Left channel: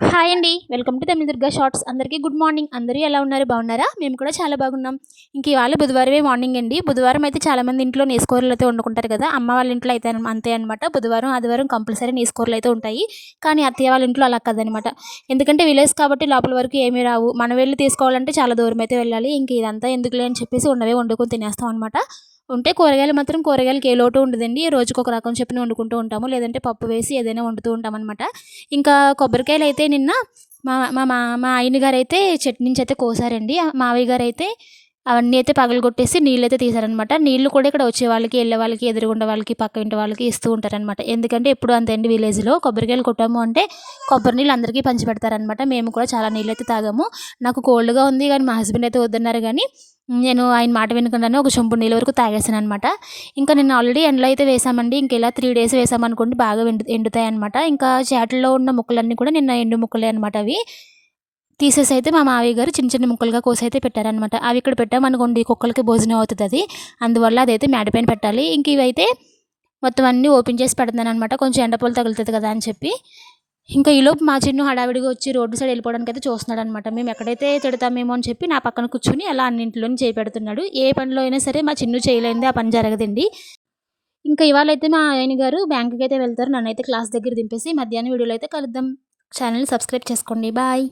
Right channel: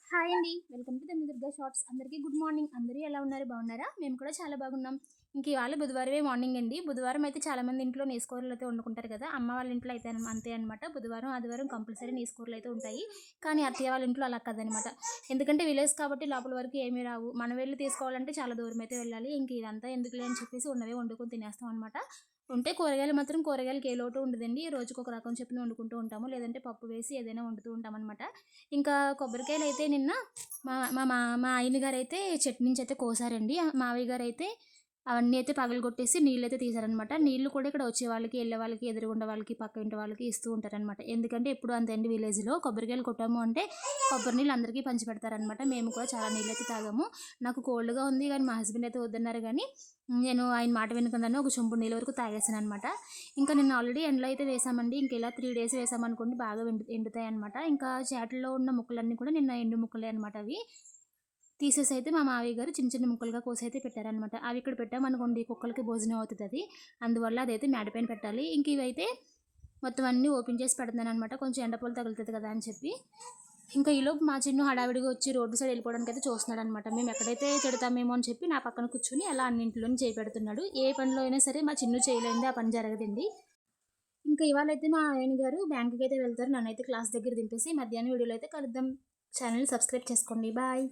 Hi అండి. Welcome to Tamil Durga shorts. అందరికీ good morning. అందరూ ఎలా ఉన్నారు? బాగున్నారా? మేము కూడా చాలా బాగున్నాం. ఇంక ఇవాళ బుధవారమే మార్నింగ్ అండి. బుధవారం అయితే చాలామంది ఇంట్లో నీసుకూరలు అయితే వండుకుంటారు కదా! అమ్మ వాళ్ళ ఇంట్లో అయితే అంతే అనమాట. బుధవారం, ఆదివారం కంపల్సరీ నీసుకూరలు అయితే ఉంటాయి. కానీ అత్తయ్య వాళ్ళ ఇంట్లో అలా కాదనమాట. ఎందుకంటే విలేజ్ కాబట్టి లోపల వరకు ఏమీ రావు. మనం వెళ్లి తీసుకోవాలంటే చాలా దూరం అయితే వెళ్ళాలి. ఇంక ఇదంతా ఎందుకులే అని చెప్పేసి ఉన్నవే వండుకొని తినేస్తాం అనమాట. ఉంటే కూరగాయలు మాత్రం కూరగాయలకి ఏ లోటు ఉండదండి. రోజుకొక రకం చొప్పున వండుకుంటూ ఉంటాము. లేదంటే పప్పు వేసి ఏదైనా వండుతూ ఉంటామనమాట. ఇంకా కొబ్బరికాయలైతే నిన్న మా మా మా మా ఆయన గారైతే చెట్టు నుంచయితే కోసారండి. మావయ్య గారైతే అవన్నీ అయితే పగలగొట్టేసి నీళ్ళైతే తీశారనమాట. నీళ్ళు కూడా ఇక్కడ వచ్చే వాళ్ళకి, ఎళ్ళే వాళ్ళకి, ఎదురుగుండా వాళ్ళకి, పక్క ఇంటి వాళ్ళకి ఇస్తూ ఉంటారనమాట. ఎందుకంటే ఎప్పుడు అంతే అండి విలేజ్‌లో కొబ్బరికాయలు కొట్టాము అంటే కొబ్బరి నీళ్ళు అందరికీ పంచిపెడతారనమాట. మేము కూడా చాలా నీళ్ళైతే తాగాము. నాకు కోల్డ్‌గా ఉంది గానీ మా హస్బెండ్ అయితే వద్దన్నారు గానీ నేను ఆయన మాట వినకుండానే ఒక చెంబుడు నీళ్ళ వరకు తాగేసాననమాట. ఇంకా నిన్న ఆల్రెడీ ఎండలో అయితే వేసామండి. ఇంక ఇలా 3 డేస్ వేసామనుకోండి బాగా ఎండుతాయనమాట. ఇంకా చేటల్లో ఉన్న ముక్కలన్నీ కూడా నిన్న ఎండు ముక్కలే అనమాట అవి. తీసేసైతే మా మావయ్య గారు చిన్న చిన్న ముక్కలుగా కోసైతే పెట్టారనమాట. అవి ఇక్కడ పెట్టామనుకోండి కుక్కలకి భోజనం అవుతదది. అందువల్ల అదైతే మేడ పైన పెట్టాలి. ఇంక ఇవైతే మొత్తం అన్నీ ఓపెన్ చేసి పెడుతున్నాననమాట. కొంచెం ఎండ తగులుతది కదా అని చెప్పి. ఇంకా ఈలోపు మా చిన్ను హడావిడిగా వచ్చి రోడ్డు సైడ్ వెళ్ళిపోవడానికైతే చూస్తున్నాడనమాట. మేము ఎక్కడైతే తిడతామేమో అని చెప్పి నా పక్కన కూర్చొని అలా అన్నింటిలోని చేయి పెడుతున్నాడు. ఏ పనిలో అయినా సరే మా చిన్ను చేయలేనిదే ఆ పని జరగదండి. ఇంకా ఇవాళైతే మా ఆయన గారు బ్యాంక్‌కైతే వెళ్తారు. నన్నైతే క్లాస్ దగ్గర దింపేసి మధ్యాహ్నం వీడియోలో అయితే కలుద్దాం. ఛానెల్‌ని సబ్స్క్రైబ్ చేసుకోండి. బాయ్.